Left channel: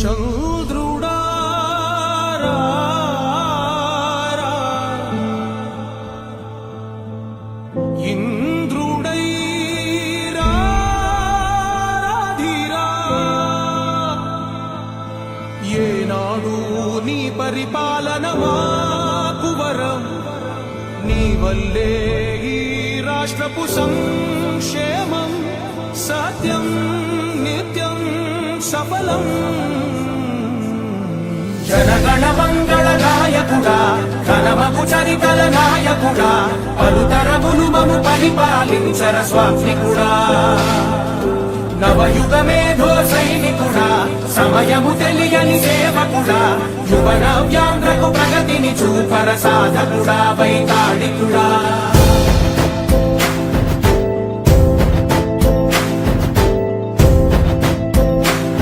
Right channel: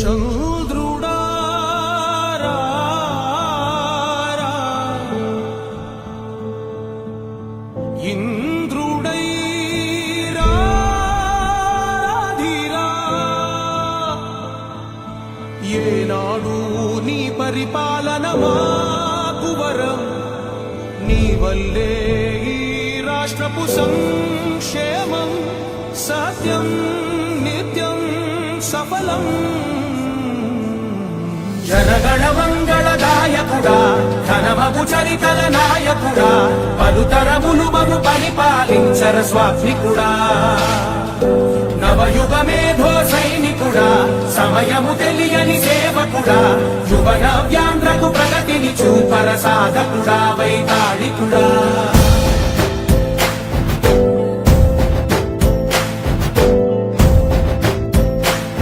చంద్రుడా ఇంద్రుడై రాధిరా ఏనాడు నీ పరిపాలన మాకు వరం నీ వల్లే ఈ రాష్ట్రపు సంక్షేమం సత్యం నిత్యం సఫలం జనగణ మంగళ నాయకుడా ఘనమగు చరితల నాయకుడా పలుతరములు మము పరిపాలించర స్వామికుడా నవయుగ మేధో సైనికుడా సమయము తెలియని సేవకుడా యువన వ్యాంధ్రకు ప్రగతిని చూపర సాధకుడా వైతాళికుడా